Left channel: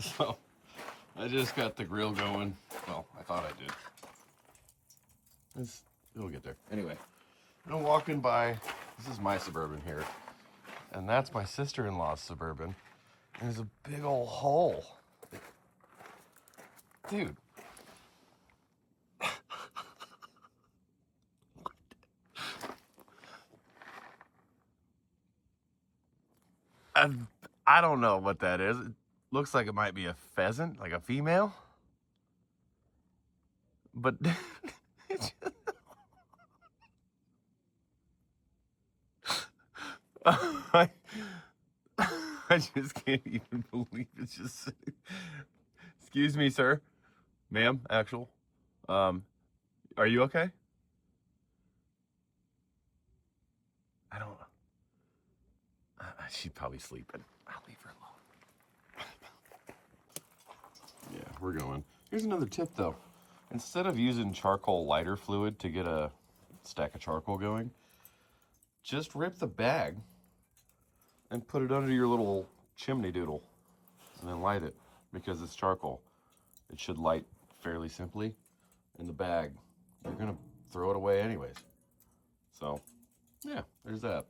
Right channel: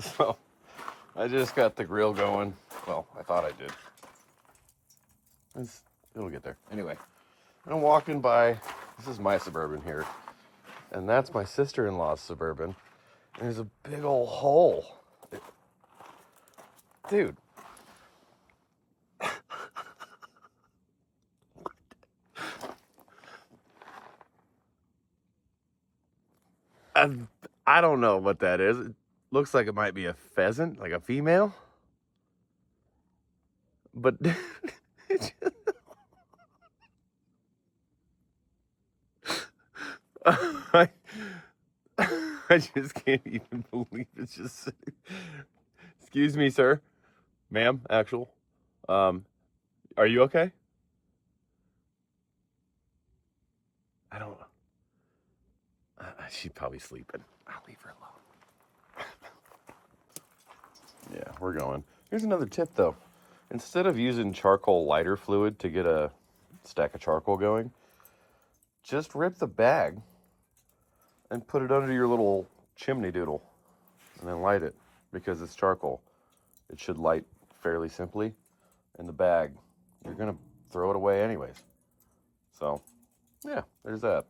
So I just got the grill going. Well, I thought I did. It'll get there. Anyway, I'm walking by. This is my Suburban here. And that's my sister-in-law's Suburban. And there's a big old hole. Dude. I don't know what that is. It looks like it might be a pheasant, like a female. But I, I just can't even believe it's just. Excuse me, sir, ma'am, actual. Are you okay? I don't. She's probably sleeping. I'll leave her alone. Yeah, we're going. Here's another tip, though. Instead of using charcoal lighter fluid to get a stack of charcoal going, just rip the bag and put it under your little chimney doodle and then light it because it's charcoal. It should light fairly simply. In the bag, you're going to throw it away anyways. So, yeah, there's that.